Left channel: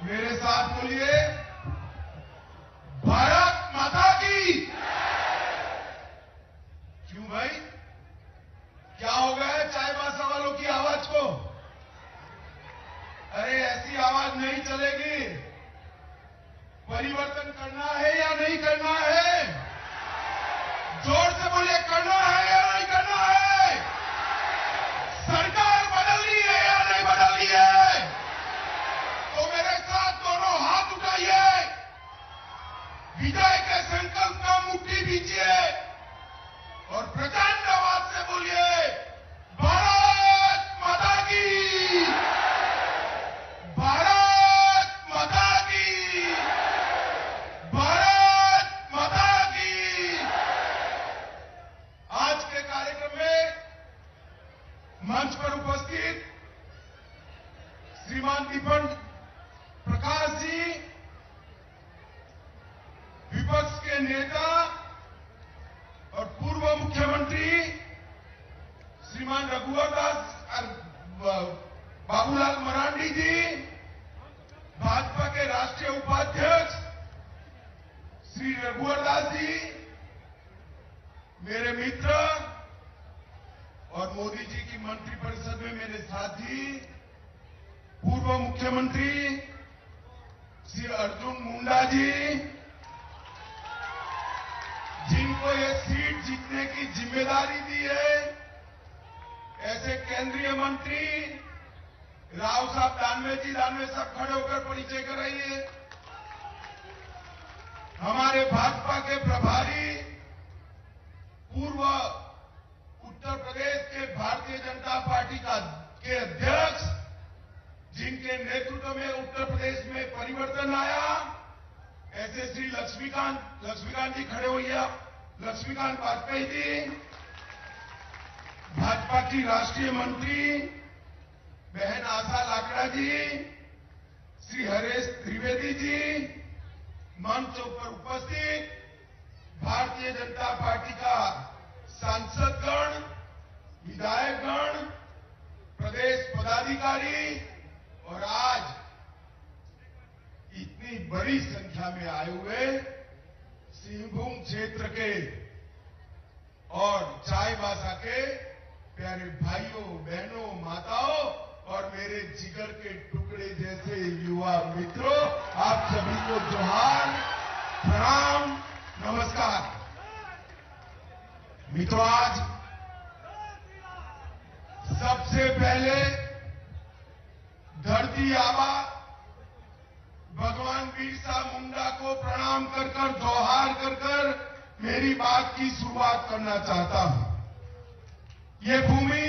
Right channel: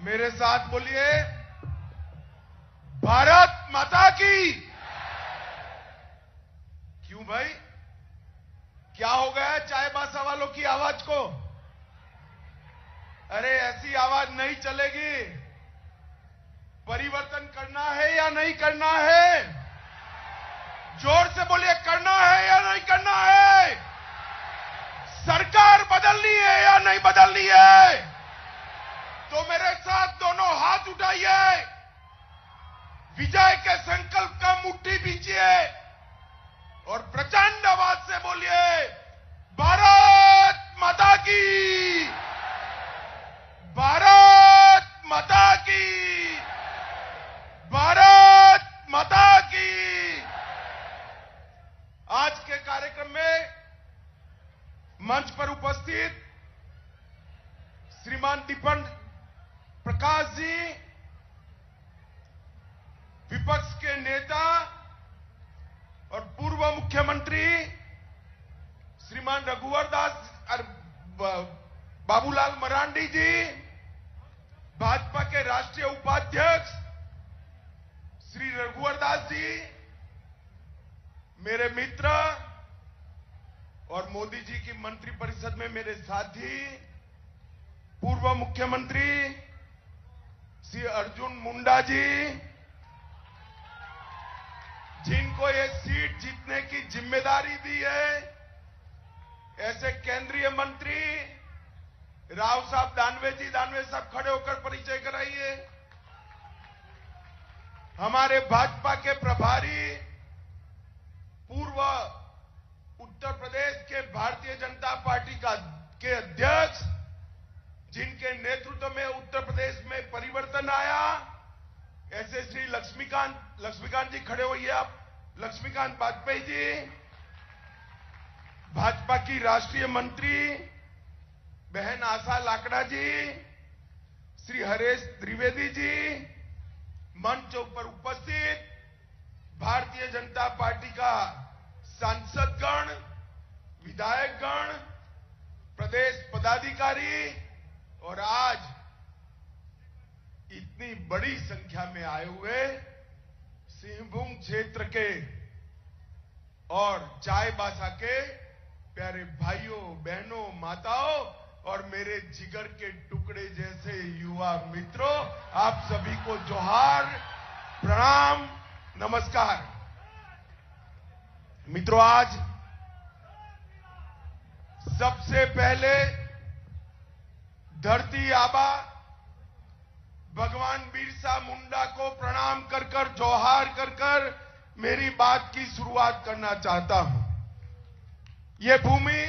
मेरे साथ बोलिए, भारत माता की। क्यों भाई, क्या हो गया है चाय बासा वालों की आवाज को? अरे ऐसी आवाज नहीं चलेगी। परिवर्तन करना है या नहीं करना है? जोर से बोलिए, करना है या नहीं करना है? सरकार बदलनी है या नहीं बदलनी है? तो मेरे साथ दोनों हाथ उठाइए, विजय के संकल्प का मुट्ठी दीजिए और प्रचंड आवाज से बोलिए, भारत माता की, भारत माता की, भारत माता की। आज के कार्यक्रम में मंच पर उपस्थित श्रीमान दीपन प्रकाश जी, विपक्ष के नेता और पूर्व मुख्यमंत्री श्रीमान रघुवर दास बाबूलाल मरांडी जी, भाजपा के राष्ट्रीय उपाध्यक्ष श्री रघुवर दास जी, मेरे मित्र और मोदी जी की मंत्रिपरिषद में मेरे साथी पूर्व मुख्यमंत्री श्री अर्जुन मुंडा जी, जिनको ये सीट जीतने की जिम्मेदारी दी है, ऐसे केंद्रीय मंत्री राव साहब दानवे साहब खड़े होकर परिचय कराइए। हमारे भाजपा के प्रभारी पूर्व उत्तर प्रदेश के भारतीय जनता पार्टी के अध्यक्ष, जिनके नेतृत्व में उत्तर प्रदेश में परिवर्तन आया, ऐसे श्री लक्ष्मीकांत जी खड़े होइए, लक्ष्मीकांत वाजपेयी जी, भाजपा की राष्ट्रीय मंत्री बहन आशा लाकड़ा जी, श्री हरेश त्रिवेदी जी, मंचों पर उपस्थित भारतीय जनता पार्टी का सांसदगण, विधायकगण, प्रदेश पदाधिकारी और आज इतनी बड़ी संख्या में आए हुए सिंहभूम क्षेत्र के और चाईबासा के प्यारे भाइयों, बहनों, माताओं और मेरे जिगर के टुकड़े जैसे युवा मित्रों, आप सभी को जोहार, प्रणाम, नमस्कार। मित्रों, आज सबसे पहले धरती आबा भगवान बिरसा मुंडा को प्रणाम कर जोहार कर मेरी बात की शुरुआत करना चाहता हूं। ये भूमि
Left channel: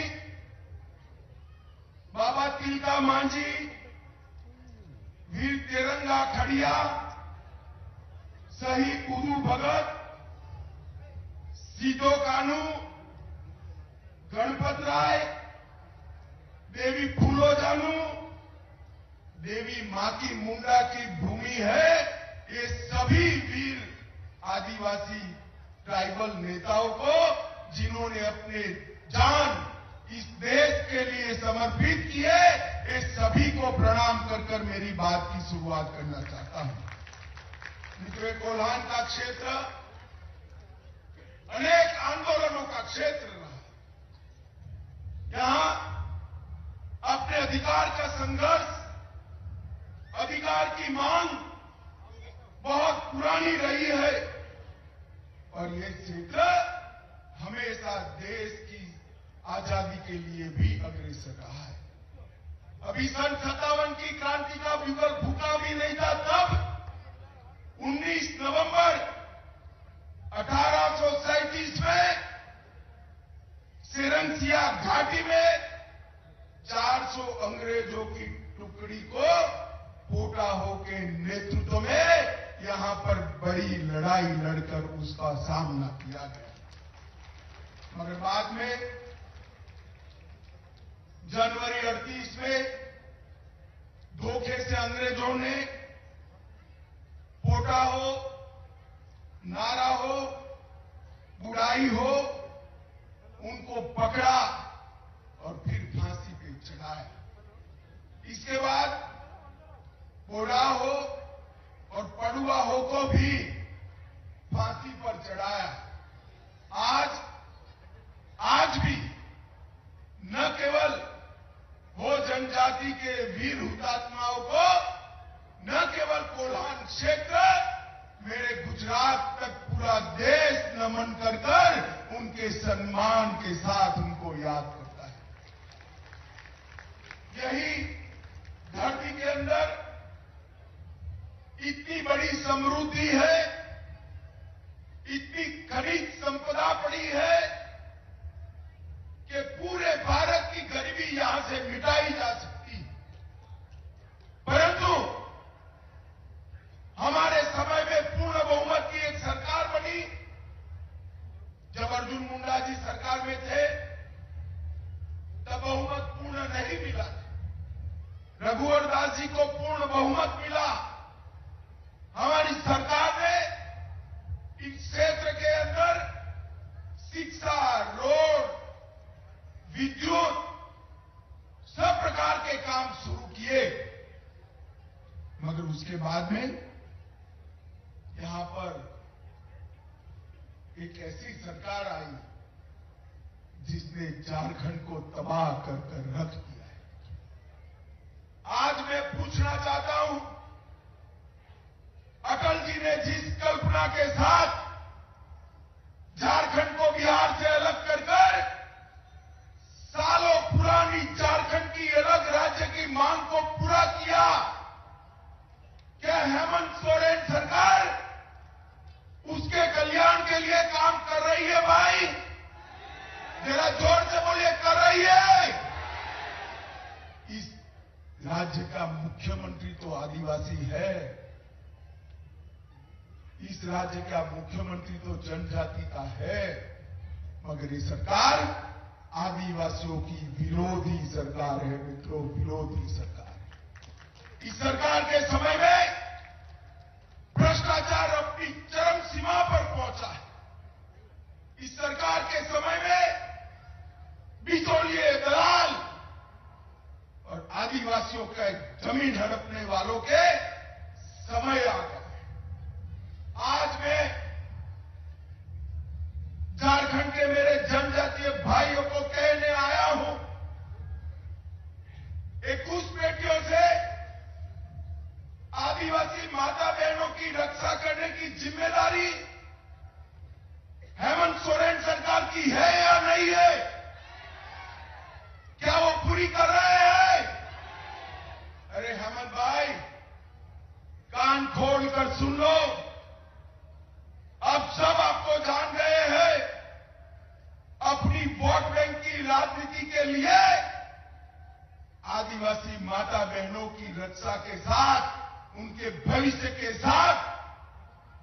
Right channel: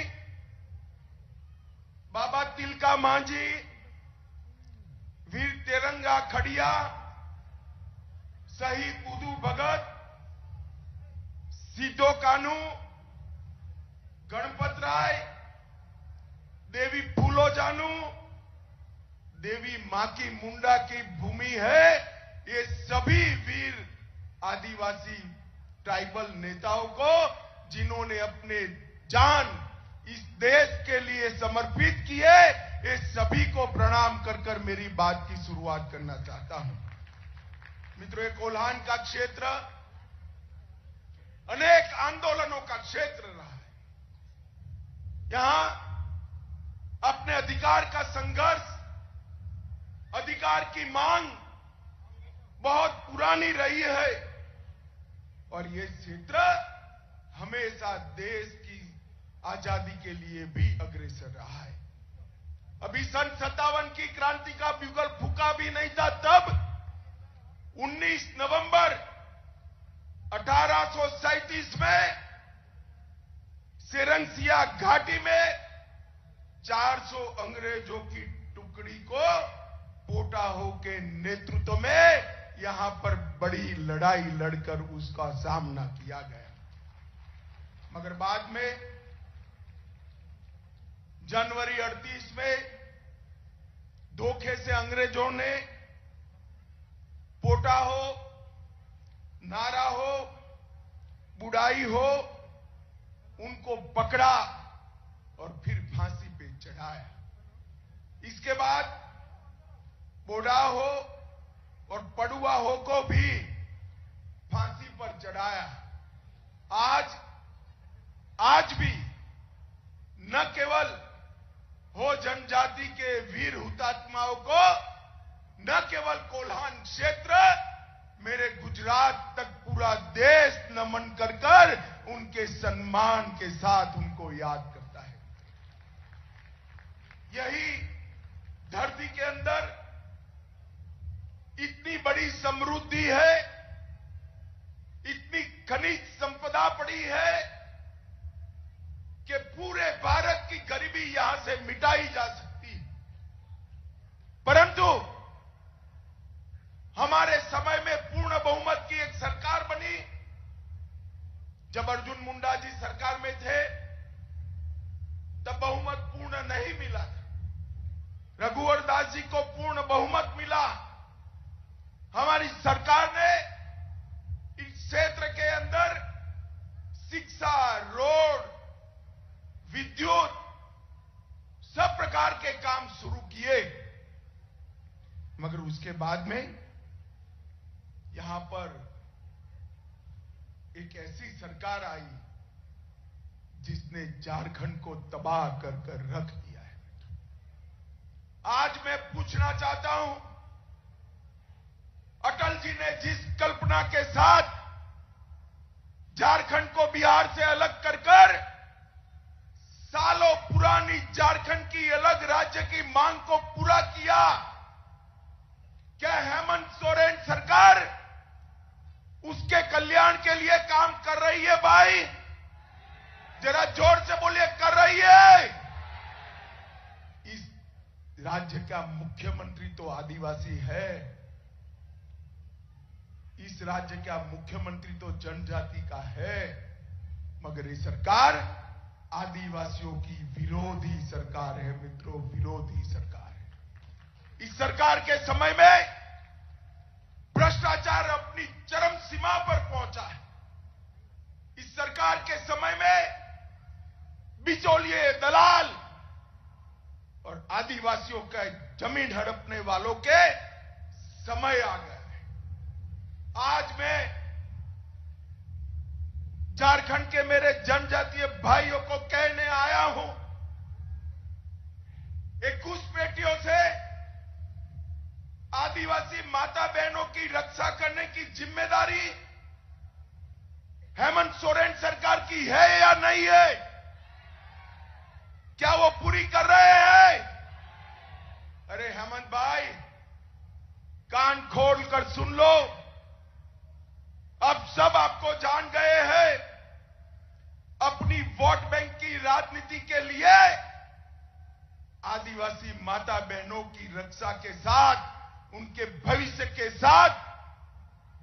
बाबा तिलका मांझी, वीर तेरंगा खड़िया, शहीद उदू भगत, सीधो कानू, गणपत राय, देवी फूलो जानू, देवी माकी मुंडा की भूमि है। ये सभी वीर आदिवासी ट्राइबल नेताओं को, जिन्होंने अपने जान इस देश के लिए समर्पित किए, ये सभी को प्रणाम कर मेरी बात की शुरुआत करना चाहता हूं। मित्रों, कोल्हान का क्षेत्र अनेक आंदोलनों का क्षेत्र रहा है। यहां अपने अधिकार का संघर्ष, अधिकार की मांग बहुत पुरानी रही है और ये क्षेत्र हमेशा देश की आजादी के लिए भी अग्रसर रहा है। अभी सन 57 की क्रांति का युगल फूका भी नहीं था, तब 19 नवंबर 1837 में सिरंसिया घाटी में 400 अंग्रेजों की टुकड़ी को पोटाहो के नेतृत्व में यहां पर बड़ी लड़ाई लड़कर उसका सामना किया गया। मगर बाद में जनवरी 38 में धोखे से अंग्रेजों ने पोटाहो, नारा हो, बुढ़ाई हो, उनको पकड़ा और फिर फांसी पे चढ़ाया। इसके बाद कोडा हो और पडुआ हो को भी फांसी पर चढ़ाया। आज भी न केवल हो जनजाति के वीर हुतात्माओं को, न केवल कोल्हान क्षेत्र, मेरे गुजरात तक पूरा देश नमन कर उनके सम्मान के साथ उनको याद करता है। यही धरती के अंदर इतनी बड़ी समृद्धि है, इतनी खनिज संपदा पड़ी है कि पूरे भारत की गरीबी यहां से मिटाई जा सकती है। परंतु हमारे समय में पूर्ण बहुमत की एक सरकार बनी। जब अर्जुन मुंडा जी सरकार में थे तब बहुमत पूर्ण नहीं मिला। रघुवर दास जी को पूर्ण बहुमत मिला। हमारी सरकार ने इस क्षेत्र के अंदर शिक्षा, रोड, विद्युत, सब प्रकार के काम शुरू किए। मगर उसके बाद में यहां पर एक ऐसी सरकार आई जिसने झारखंड को तबाह कर रख दिया है। आज मैं पूछना चाहता हूं, अटल जी ने जिस कल्पना के साथ झारखंड को बिहार से अलग कर सालों पुरानी झारखंड की अलग राज्य की मांग को पूरा किया, क्या हेमंत सोरेन सरकार उसके कल्याण के लिए काम कर रही है? भाई जरा जोर से बोलिए, कर रही है? इस राज्य का मुख्यमंत्री तो आदिवासी है, इस राज्य का मुख्यमंत्री तो जनजाति का है, मगर ये सरकार आदिवासियों की विरोधी सरकार है मित्रों, विरोधी सरकार। इस सरकार के समय में भ्रष्टाचार अपनी चरम सीमा पर पहुंचा है। इस सरकार के समय में बिचौलिए, दलाल और आदिवासियों के जमीन हड़पने वालों के समय आ गया है। आज मैं झारखंड के मेरे जनजातीय भाइयों को कहने आया हूं, 21 बेटियों से आदिवासी माता बहनों की रक्षा करने की जिम्मेदारी हेमंत सोरेन सरकार की है या नहीं है? क्या वो पूरी कर रहे हैं? अरे हेमंत भाई, कान खोल कर सुन लो, अब सब आपको जान गए हैं। अपनी वोट बैंक की राजनीति के लिए आदिवासी माता बहनों की रक्षा के साथ, उनके भविष्य के साथ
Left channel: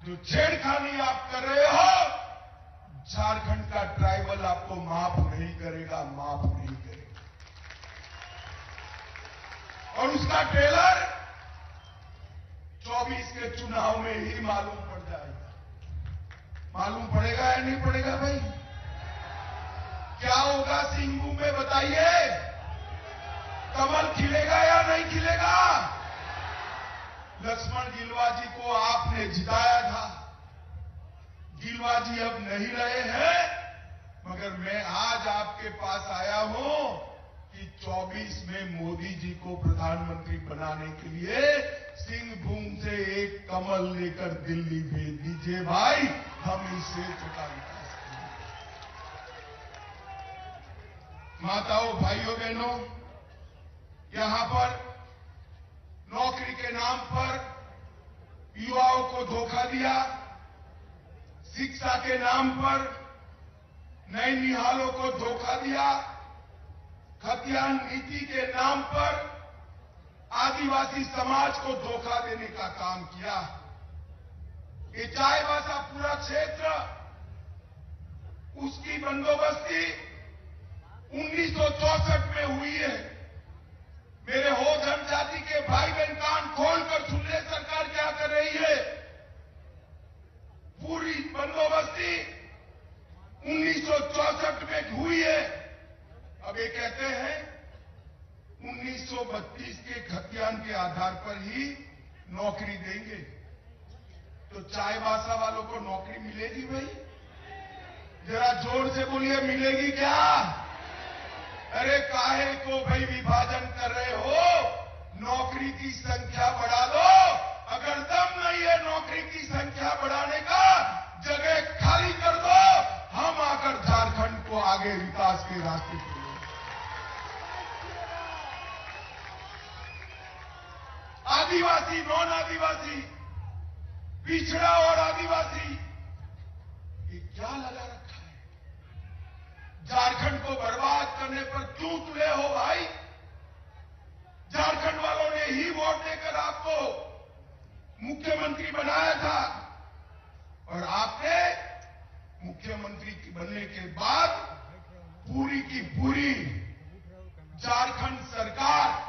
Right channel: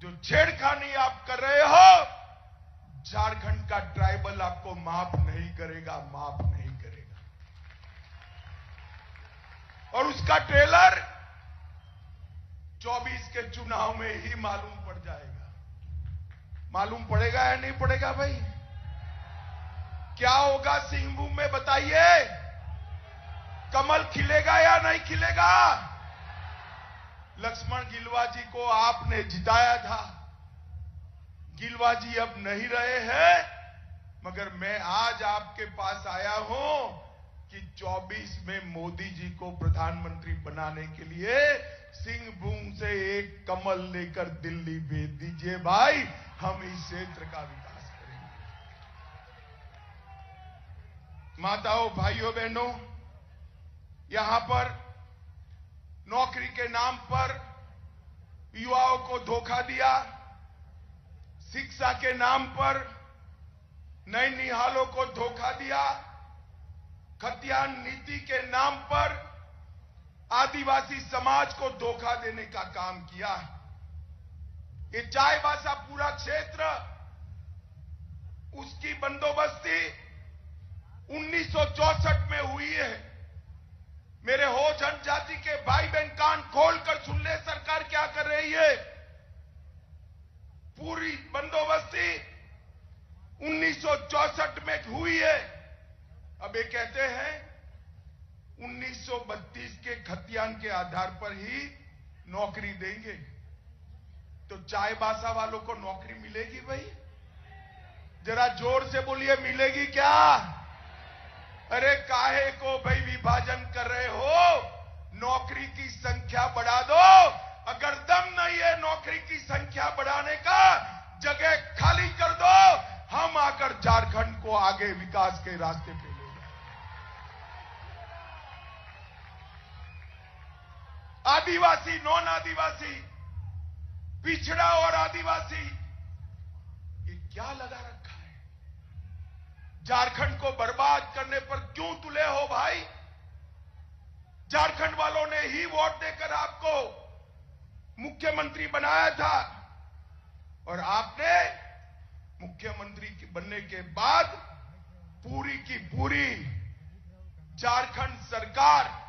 जो छेड़खानी आप कर रहे हो, झारखंड का ट्राइबल आपको माफ नहीं करेगा, माफ नहीं करेगा। और उसका ट्रेलर 24 के चुनाव में ही मालूम पड़ जाएगा। मालूम पड़ेगा या नहीं पड़ेगा भाई? क्या होगा सिंहभूम में बताइए? कमल खिलेगा या नहीं खिलेगा? लक्ष्मण गिलुआ जी को आपने जिताया था, गिलुआ जी अब नहीं रहे हैं, मगर मैं आज आपके पास आया हूं कि 24 में मोदी जी को प्रधानमंत्री बनाने के लिए सिंहभूम से एक कमल लेकर दिल्ली भेज दीजिए भाई, हम इसे विकास करेंगे। माताओं, भाइयों, बहनों, यहां पर नौकरी के नाम पर युवाओं को धोखा दिया, शिक्षा के नाम पर नैनिहालों को धोखा दिया, खतियान नीति के नाम पर आदिवासी समाज को धोखा देने का काम किया। ये चाईबासा पूरा क्षेत्र, उसकी बंदोबस्ती 1964 में हुई है। मेरे हो जनजाति के भाई बहन कान खोलकर सुन ले, सरकार क्या कर रही है। पूरी बंदोबस्ती 1964 में हुई है। अब ये कहते हैं 1932 के खतियान के आधार पर ही नौकरी देंगे तो चायबासा वालों को नौकरी मिलेगी भाई? जरा जोर से बोलिए, मिलेगी क्या? अरे काहे को भाई विभाजन कर रहे हो? नौकरी की संख्या बढ़ा दो। अगर दम नहीं है नौकरी की संख्या बढ़ाने का, जगह खाली कर दो। हम आकर झारखंड को आगे विकास के रास्ते पर आदिवासी, नॉन आदिवासी, पिछड़ा और आदिवासी, ये क्या लगा रखा है? झारखंड को बर्बाद करने पर क्यों तुले हो भाई? झारखंड वालों ने ही वोट देकर आपको मुख्यमंत्री बनाया था और आपने मुख्यमंत्री बनने के बाद पूरी की पूरी झारखंड सरकार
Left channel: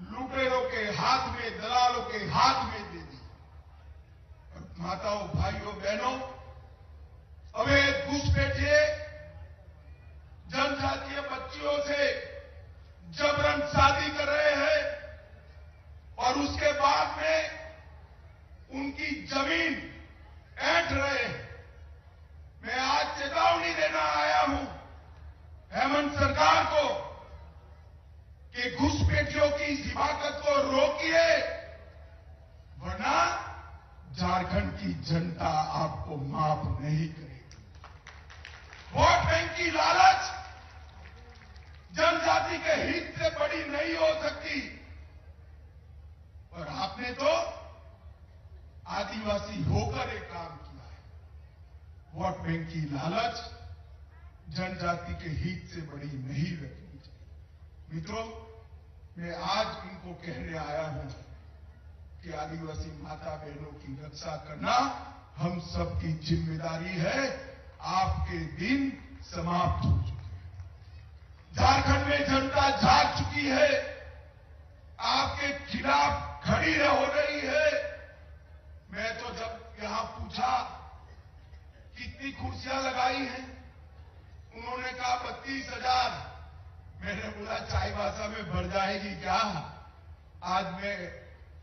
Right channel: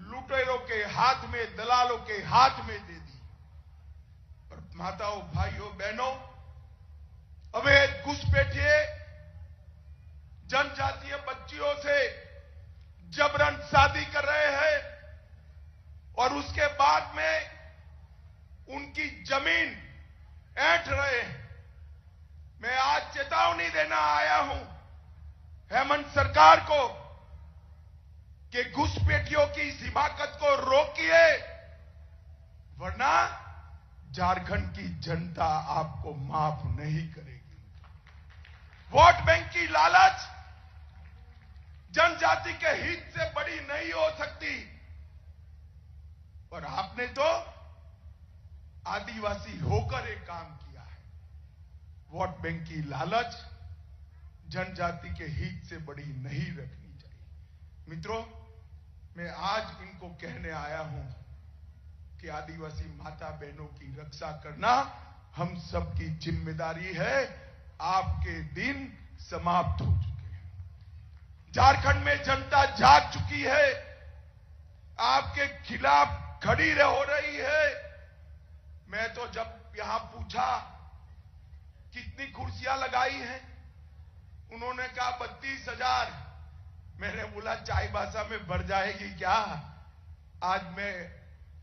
लुटेरों के हाथ में, दलालों के हाथ में दे दी। और माताओं, भाइयों, बहनों, अवैध घुसपैठिए जनजातीय बच्चियों से जबरन शादी कर रहे हैं और उसके बाद में उनकी जमीन ऐंठ रहे हैं। मैं आज चेतावनी देना आया हूं हेमंत सरकार को कि घुसपैठियों की इस हिमाकत को रोकिए, वरना झारखंड की जनता आपको माफ नहीं करेगी। वोट बैंक की लालच जनजाति के हित से बड़ी नहीं हो सकती। और आपने तो आदिवासी होकर एक काम किया है। वोट बैंक की लालच जनजाति के हित से बड़ी नहीं रखनी चाहिए। मित्रों, मैं आज इनको कहने आया हूं कि आदिवासी माता बहनों की रक्षा करना हम सबकी जिम्मेदारी है। आपके दिन समाप्त हो चुके हैं। झारखंड में जनता जाग चुकी है, आपके खिलाफ खड़ी हो रही है। मैं तो जब यहां पूछा कितनी कुर्सियां लगाई हैं, उन्होंने कहा 32,000। मैंने बोला चाईबासा में बढ़ जाएगी क्या? आज मैं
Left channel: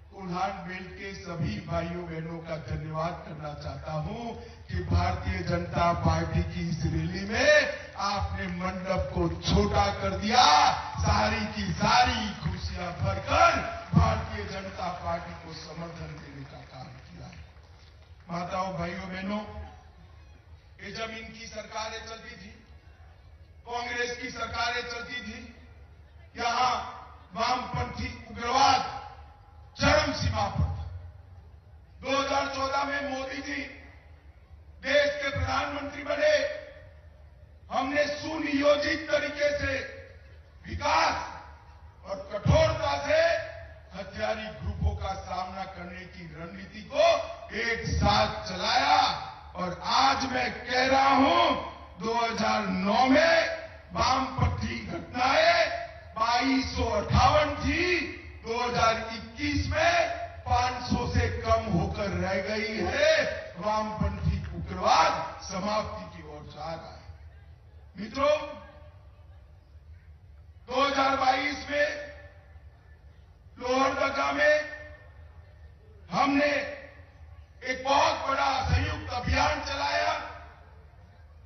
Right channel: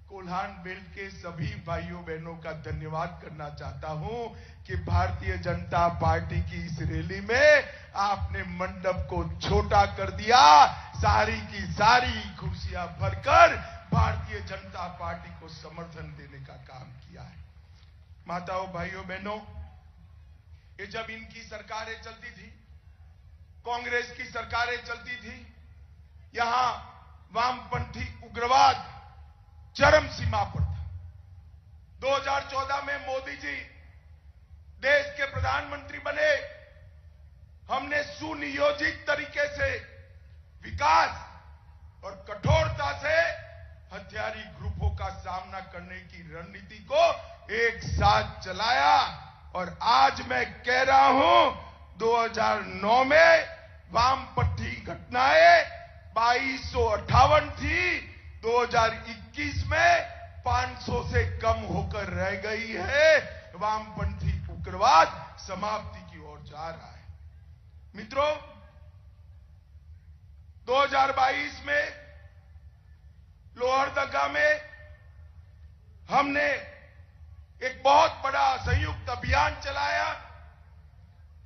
कोल्हान बेल्ट के सभी भाइयों बहनों का धन्यवाद करना चाहता हूं कि भारतीय जनता पार्टी की इस रैली में आपने मंडप को छोटा कर दिया। सारी की सारी कुर्सियां भरकर भारतीय जनता पार्टी को समर्थन देने का काम किया है। माताओं, भाइयों, बहनों, ये जब इनकी सरकारें चलती थी, कांग्रेस की सरकारें चलती थी, यहां वामपंथी उग्रवाद चरम सीमा पर था। 2014 में मोदी जी देश के प्रधानमंत्री बने। हमने सुनियोजित तरीके से विकास और कठोरता से हथियारी ग्रुपों का सामना करने की रणनीति को एक साथ चलाया। और आज मैं कह रहा हूं, 2009 में वामपंथी घटनाएं 2258 थी, 2021 में 500 से कम होकर रह गई है। वामपंथी उग्रवाद समाप्ति की ओर जा रहा है। मित्रों, 2022 में लोहरदगा में हमने एक बहुत बड़ा संयुक्त अभियान चलाया।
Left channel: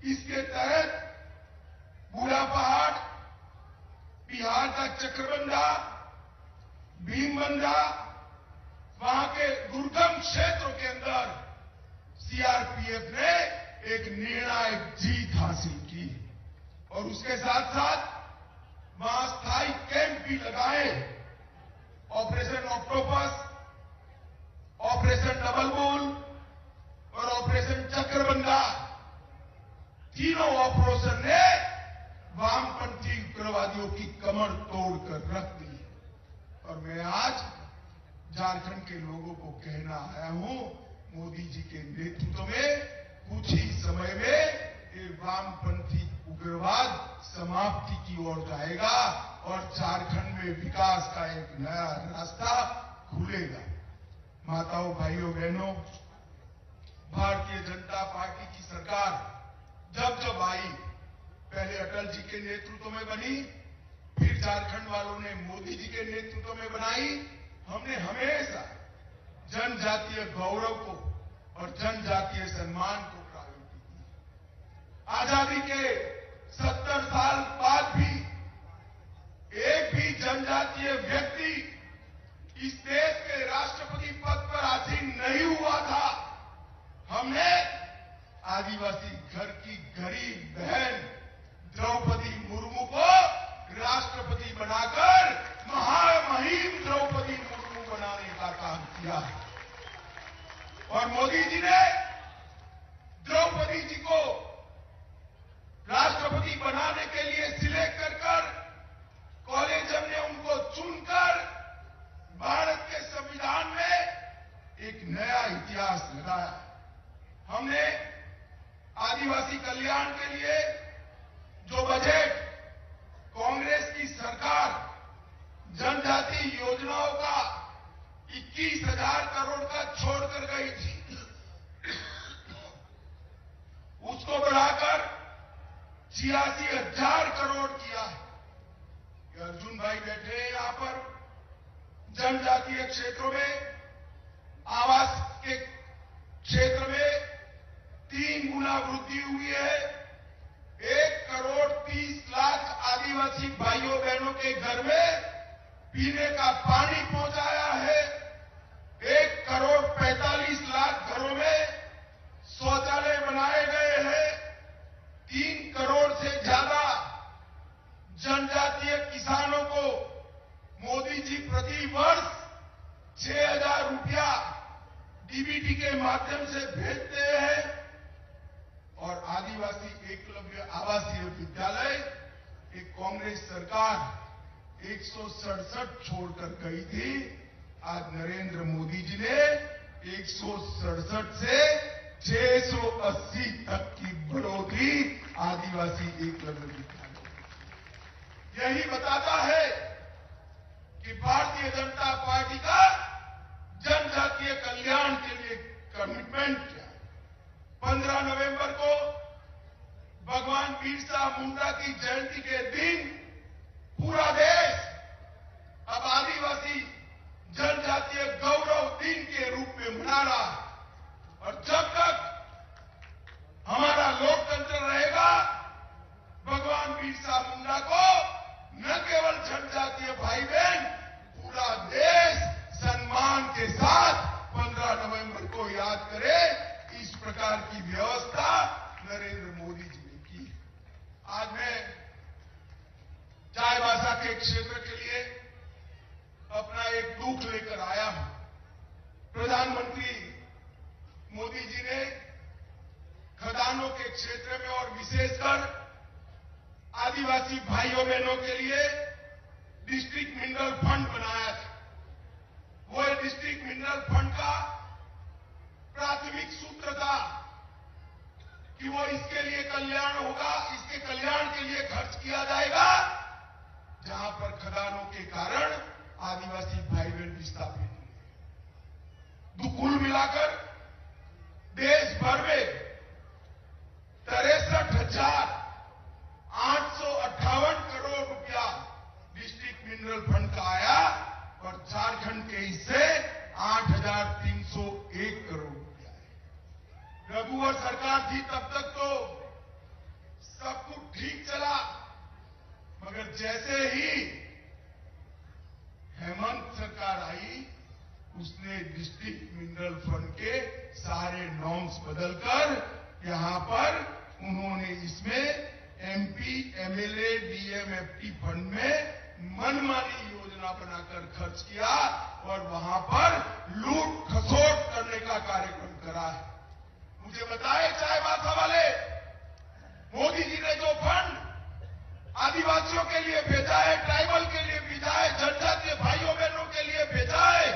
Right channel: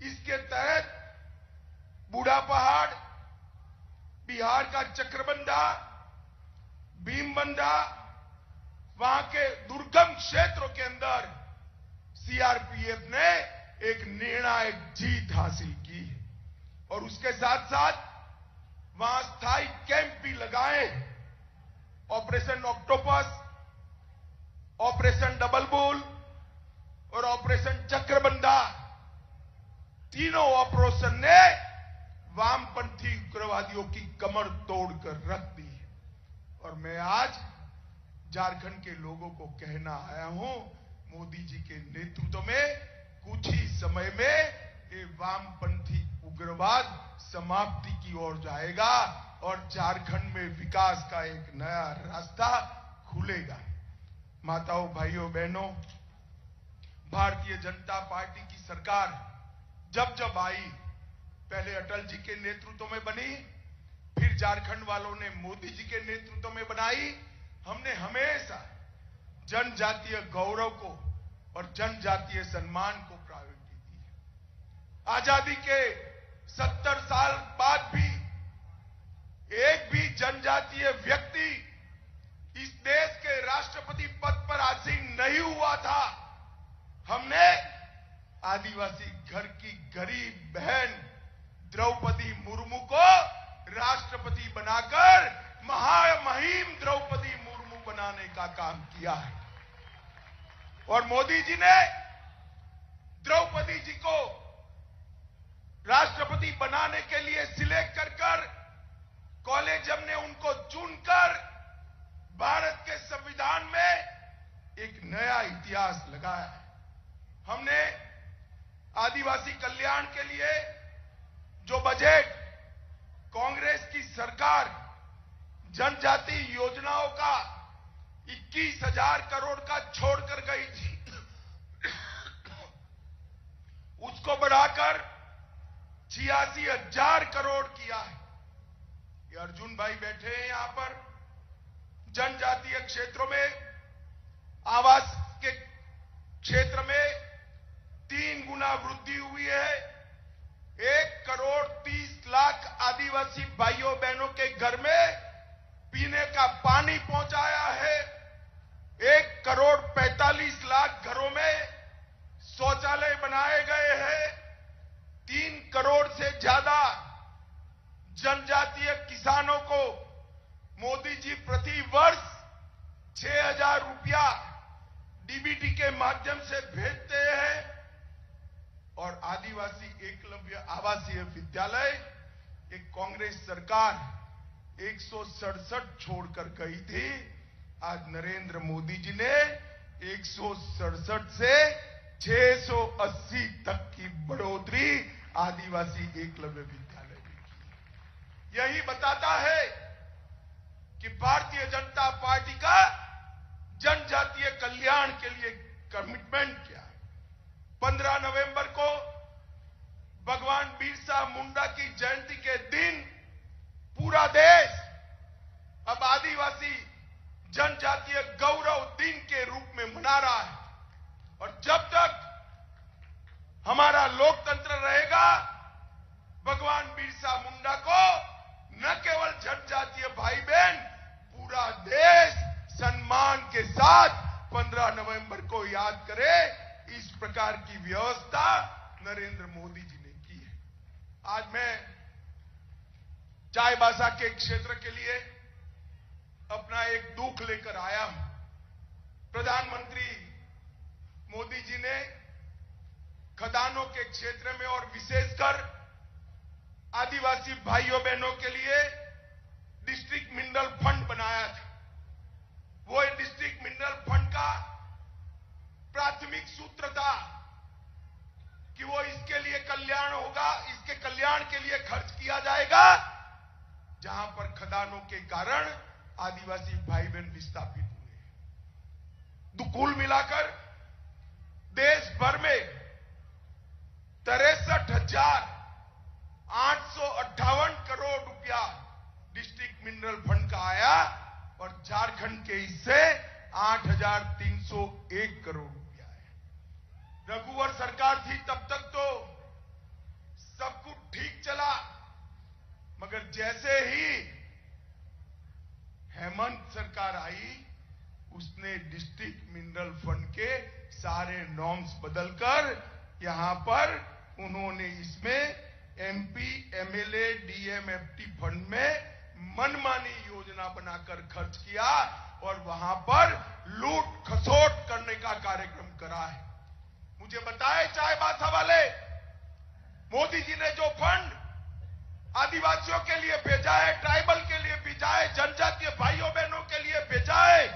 इसके तहत बूढ़ा पहाड़, बिहार का चक्रबंधा, भीमबंधा, वहां के दुर्गम क्षेत्रों के अंदर सीआरपीएफ ने एक निर्णायक जीत हासिल की और उसके साथ साथ वहां स्थायी कैंप भी लगाए। Operation octopus, operation double bull और ऑपरेशन चक्रबंधा, तीनों ऑपरेशन ने वामपंथी उग्रवादियों की कमर तोड़कर रख दी। और मैं आज झारखंड के लोगों को कहना आया हूं, मोदी जी के नेतृत्व में कुछ ही समय में ये वामपंथी उग्रवाद समाप्ति की ओर जाएगा और झारखंड में विकास का एक नया रास्ता खुलेगा। माताओं, भाइयों, बहनों, भारतीय जनता पार्टी की सरकार जब जब आई, पहले अटल जी के नेतृत्व में बनी, फिर झारखंड वालों ने मोदी जी के नेतृत्व में बनाई। हमने हमेशा जनजातीय गौरव को और जनजातीय सम्मान को प्रायोरिटी दी। आजादी के 70 साल बाद भी एक भी जनजातीय व्यक्ति इस देश के राष्ट्रपति पद पर आसीन नहीं हुआ था। हमने आदिवासी घर की गरीब बहन द्रौपदी मुर्मू को राष्ट्रपति बनाकर महामहिम द्रौपदी मुर्मू बनाने का काम किया। और मोदी जी ने द्रौपदी जी को राष्ट्रपति बनाने के लिए सिलेक्ट कर कॉलेजियम ने उनको चुनकर भारत के संविधान में एक नया इतिहास लगाया। हमने आदिवासी कल्याण के लिए जो बजट कांग्रेस की सरकार जनजाति योजनाओं का 21,000 करोड़ का छोड़कर गई थी, उसको बढ़ाकर 86,000 करोड़ किया है। ये अर्जुन भाई बैठे हैं यहां पर। जनजातीय क्षेत्रों में आवास के क्षेत्र में 3 गुना वृद्धि हुई है। 1,30,00,000 आदिवासी भाइयों बहनों के घर में पीने का पानी पहुंचाया है। 1,45,00,000 घरों में शौचालय बनाए गए हैं। 3 करोड़ से ज्यादा जनजातीय किसानों को मोदी जी प्रति वर्ष 6,000 रुपया डीबीटी के माध्यम से भेजते हैं। और आदिवासी एकलव्य आवासीय विद्यालय एक कांग्रेस सरकार 167 छोड़कर गई थी। आज नरेंद्र मोदी जी ने 167 से 680 तक की बढ़ोतरी आदिवासी एकलव्य विद्यालय। यही बताता है कि भारतीय जनता पार्टी का जनजातीय कल्याण के लिए कमिटमेंट है। 15 नवंबर को भगवान बिरसा मुंडा की जयंती के दिन पूरा देश अब आदिवासी जनजातीय गौरव दिन के रूप में मना रहा है। और जब तक हमारा लोकतंत्र रहेगा, भगवान बिरसा मुंडा को न केवल जनजातीय भाई बहन, पूरा देश सम्मान के साथ 15 नवंबर को याद करे। इस प्रकार की व्यवस्था नरेंद्र मोदी जी ने की है। आज मैं चाईबासा के क्षेत्र के लिए अपना एक दुख लेकर आया हूं। प्रधानमंत्री मोदी जी ने खदानों के क्षेत्र में और विशेषकर आदिवासी भाइयों बहनों के लिए डिस्ट्रिक्ट मिनरल फंड बनाया था। वो डिस्ट्रिक्ट मिनरल फंड का प्राथमिक सूत्र था कि वो इसके लिए कल्याण होगा, इसके कल्याण के लिए खर्च किया जाएगा जहां पर खदानों के कारण आदिवासी भाई बहन विस्थापित हुए। कुल मिलाकर देश भर में 63,858 करोड़ रुपया डिस्ट्रिक्ट मिनरल फंड का आया और झारखंड के हिस्से 8,301 करोड़ रुपया है। रघुवर सरकार थी तब तक तो सब कुछ ठीक चला, मगर जैसे ही हेमंत सरकार आई, उसने डिस्ट्रिक्ट मिनरल फंड के सारे नॉर्म्स बदलकर यहां पर उन्होंने इसमें एमपी, एमएलए, डीएमएफटी फंड में मनमानी योजना बनाकर खर्च किया और वहां पर लूट खसोट करने का कार्यक्रम करा है। मुझे बताए चाईबासा वाले, मोदी जी ने जो फंड आदिवासियों के लिए भेजा है, ट्राइबल के लिए भेजा है, जनजातीय भाइयों बहनों के लिए भेजा है,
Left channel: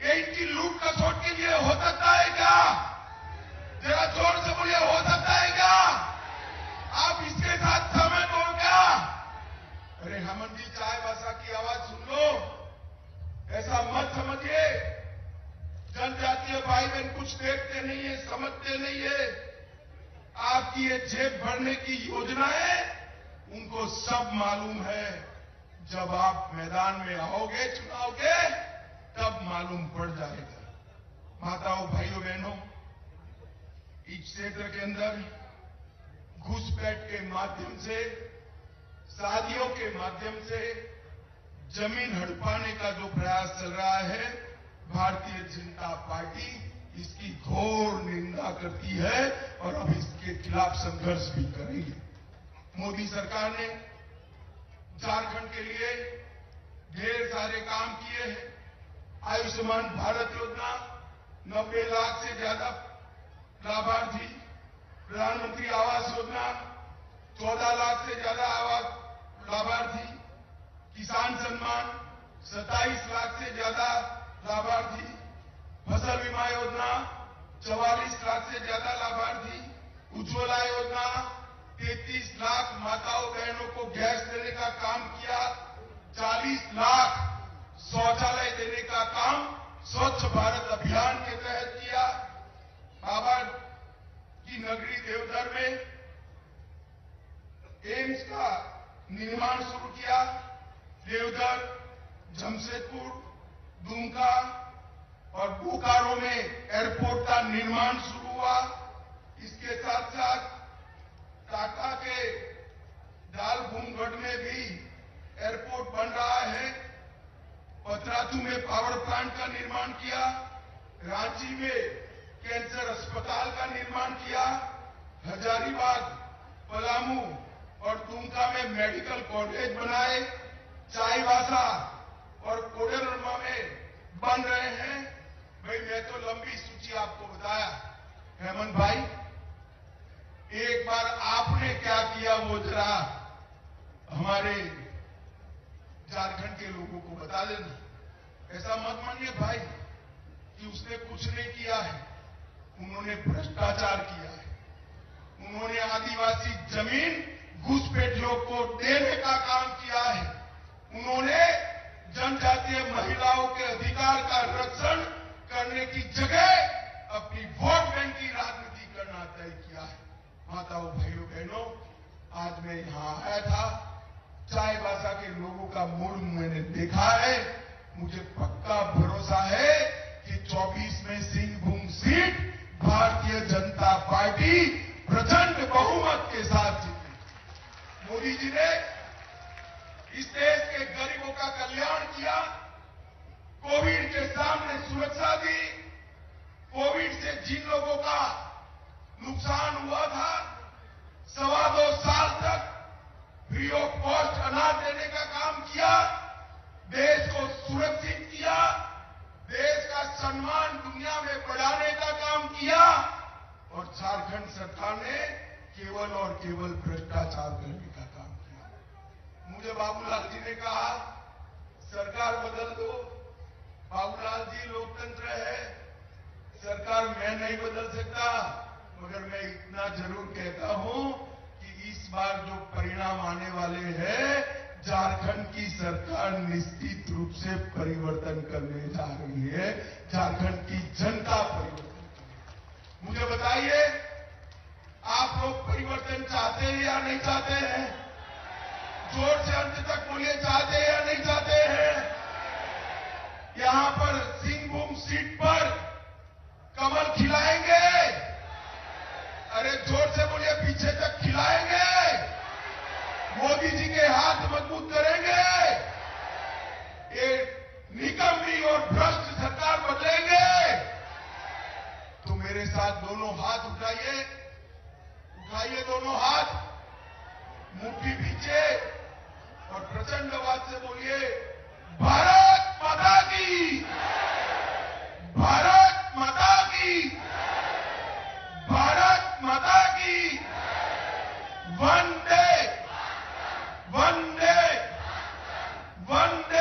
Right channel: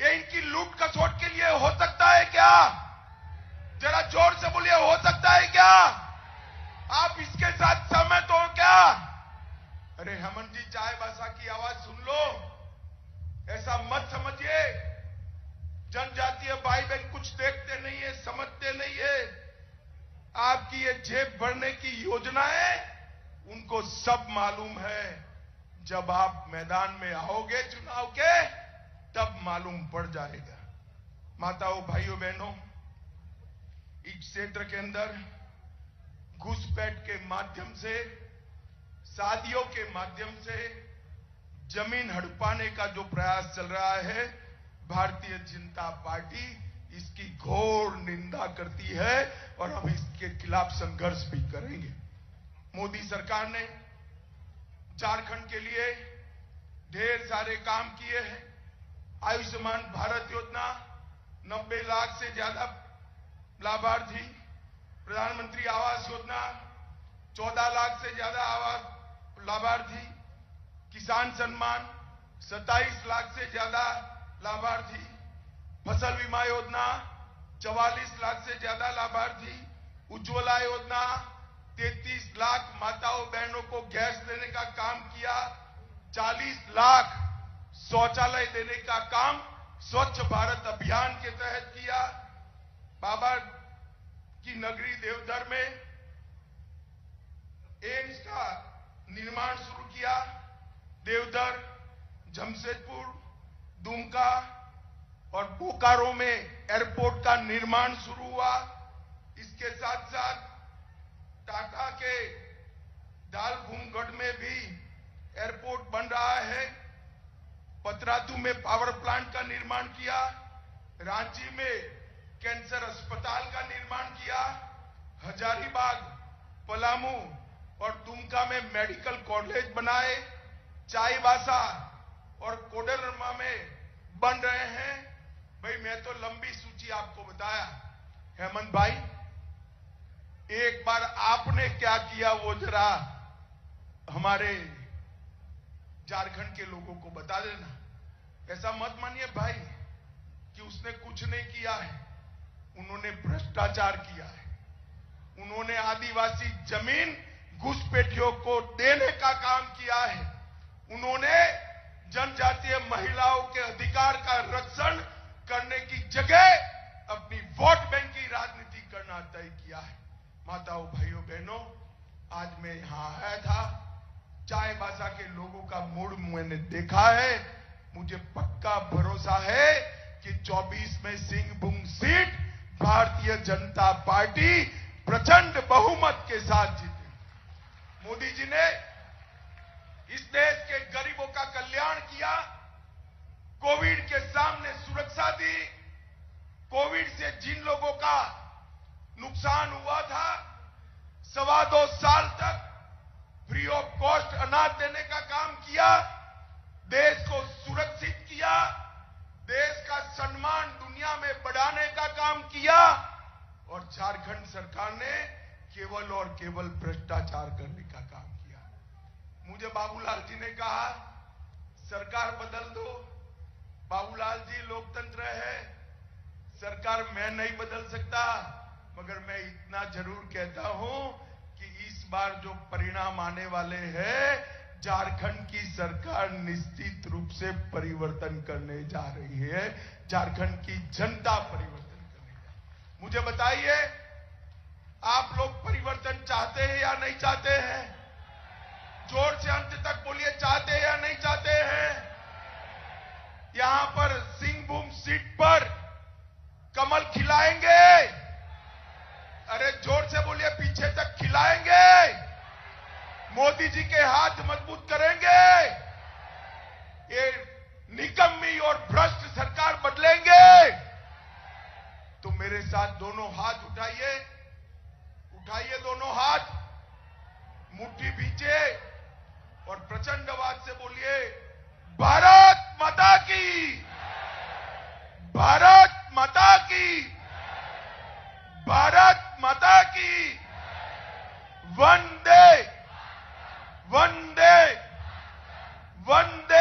ये इनकी लूट खसोट के लिए हो सकता है क्या? जरा जोर से बोलिए, हो सकता है क्या? आप इसके साथ सहमत हो क्या? अरे हेमंत जी, चाईबासा की आवाज सुन लो। ऐसा मत समझिए जनजातीय भाई बहन कुछ देखते नहीं है, समझते नहीं है। आपकी ये जेब भरने की योजनाएं उनको सब मालूम है। जब आप मैदान में आओगे चुनाव के, तब मालूम पड़ जाएगा। क्षेत्र के अंदर घुसपैठ के माध्यम से, शादियों के माध्यम से जमीन हड़पाने का जो प्रयास चल रहा है, भारतीय जनता पार्टी इसकी घोर निंदा करती है और अब इसके खिलाफ संघर्ष भी करेंगे। मोदी सरकार ने झारखंड के लिए ढेर सारे काम किए हैं। आयुष्मान भारत योजना 90 लाख से ज्यादा लाभार्थी, प्रधानमंत्री आवास योजना 14 लाख से ज्यादा लाभार्थी, किसान सम्मान 27 लाख से ज्यादा लाभार्थी, फसल बीमा योजना 44 लाख से ज्यादा लाभार्थी, उज्ज्वला योजना 33 लाख माताओं बहनों को गैस देने का काम किया, 40 लाख शौचालय देने का काम स्वच्छ भारत अभियान के तहत किया। बाबा की नगरी देवघर में एम्स का निर्माण शुरू किया। देवघर, जमशेदपुर, दुमका और बोकारो में एयरपोर्ट का निर्माण शुरू हुआ। इसके साथ साथ टाटा के डालभूमगढ़ में भी एयरपोर्ट बन रहा है। पतरातू में पावर प्लांट का निर्माण किया। रांची में कैंसर अस्पताल का निर्माण किया। हजारीबाग, पलामू और दुमका में मेडिकल कॉलेज बनाए। चाईबासा और कोडरमा में बन रहे हैं। भाई मैं तो लंबी सूची आपको बताया। हेमंत भाई, एक बार आपने क्या किया वो जरा हमारे झारखंड के लोगों को बता देना। ऐसा मत मानिए भाई कि उसने कुछ नहीं किया है। उन्होंने भ्रष्टाचार किया है। उन्होंने आदिवासी जमीन घुसपैठियों को देने का काम किया है। उन्होंने जनजातीय महिलाओं के अधिकार का रक्षण करने की जगह अपनी वोट बैंक की राजनीति करना तय किया है। माताओं, भाइयों, बहनों, आज मैं यहां आया था। चाईबासा के लोगों का मूड मैंने देखा है। मुझे पक्का भरोसा है कि 24 में सिंहभूम सीट भारतीय जनता पार्टी प्रचंड बहुमत के साथ जीती। मोदी जी ने इस देश के गरीबों का कल्याण किया। कोविड के सामने सुरक्षा दी। कोविड से जिन लोगों का नुकसान हुआ था, 2.25 साल तक फ्री ऑफ कॉस्ट अनाज देने का काम किया। देश को सुरक्षित किया। देश का सम्मान दुनिया में बढ़ाने का काम किया। और झारखंड सरकार ने केवल और केवल भ्रष्टाचार करने का काम किया। मुझे बाबूलाल जी ने कहा सरकार बदल दो। बाबूलाल जी, लोकतंत्र है, सरकार मैं नहीं बदल सकता, मगर मैं इतना जरूर कहता हूं कि इस बार जो परिणाम आने वाले हैं, झारखंड की सरकार निश्चित रूप से परिवर्तन करने जा रही है। झारखंड की जनता परिवर्तन करेगी। मुझे बताइए, आप लोग परिवर्तन चाहते हैं या नहीं चाहते हैं? जोर से अंत तक बोलिए, चाहते हैं या नहीं चाहते हैं? यहां पर सिंहभूम सीट पर कमल खिलाएंगे? अरे जोर से बोलिए, पीछे तक खिलाएंगे? मोदी जी के हाथ मजबूत करेंगे? ये निकम्मी और भ्रष्ट सरकार बदलेंगे? तो मेरे साथ दोनों हाथ उठाइए। उठाइए दोनों हाथ, मुट्ठी पीछे और प्रचंड आवाज से बोलिए, भारत माता की, भारत माता की, भारत माता की। वंदे वंदे वंदे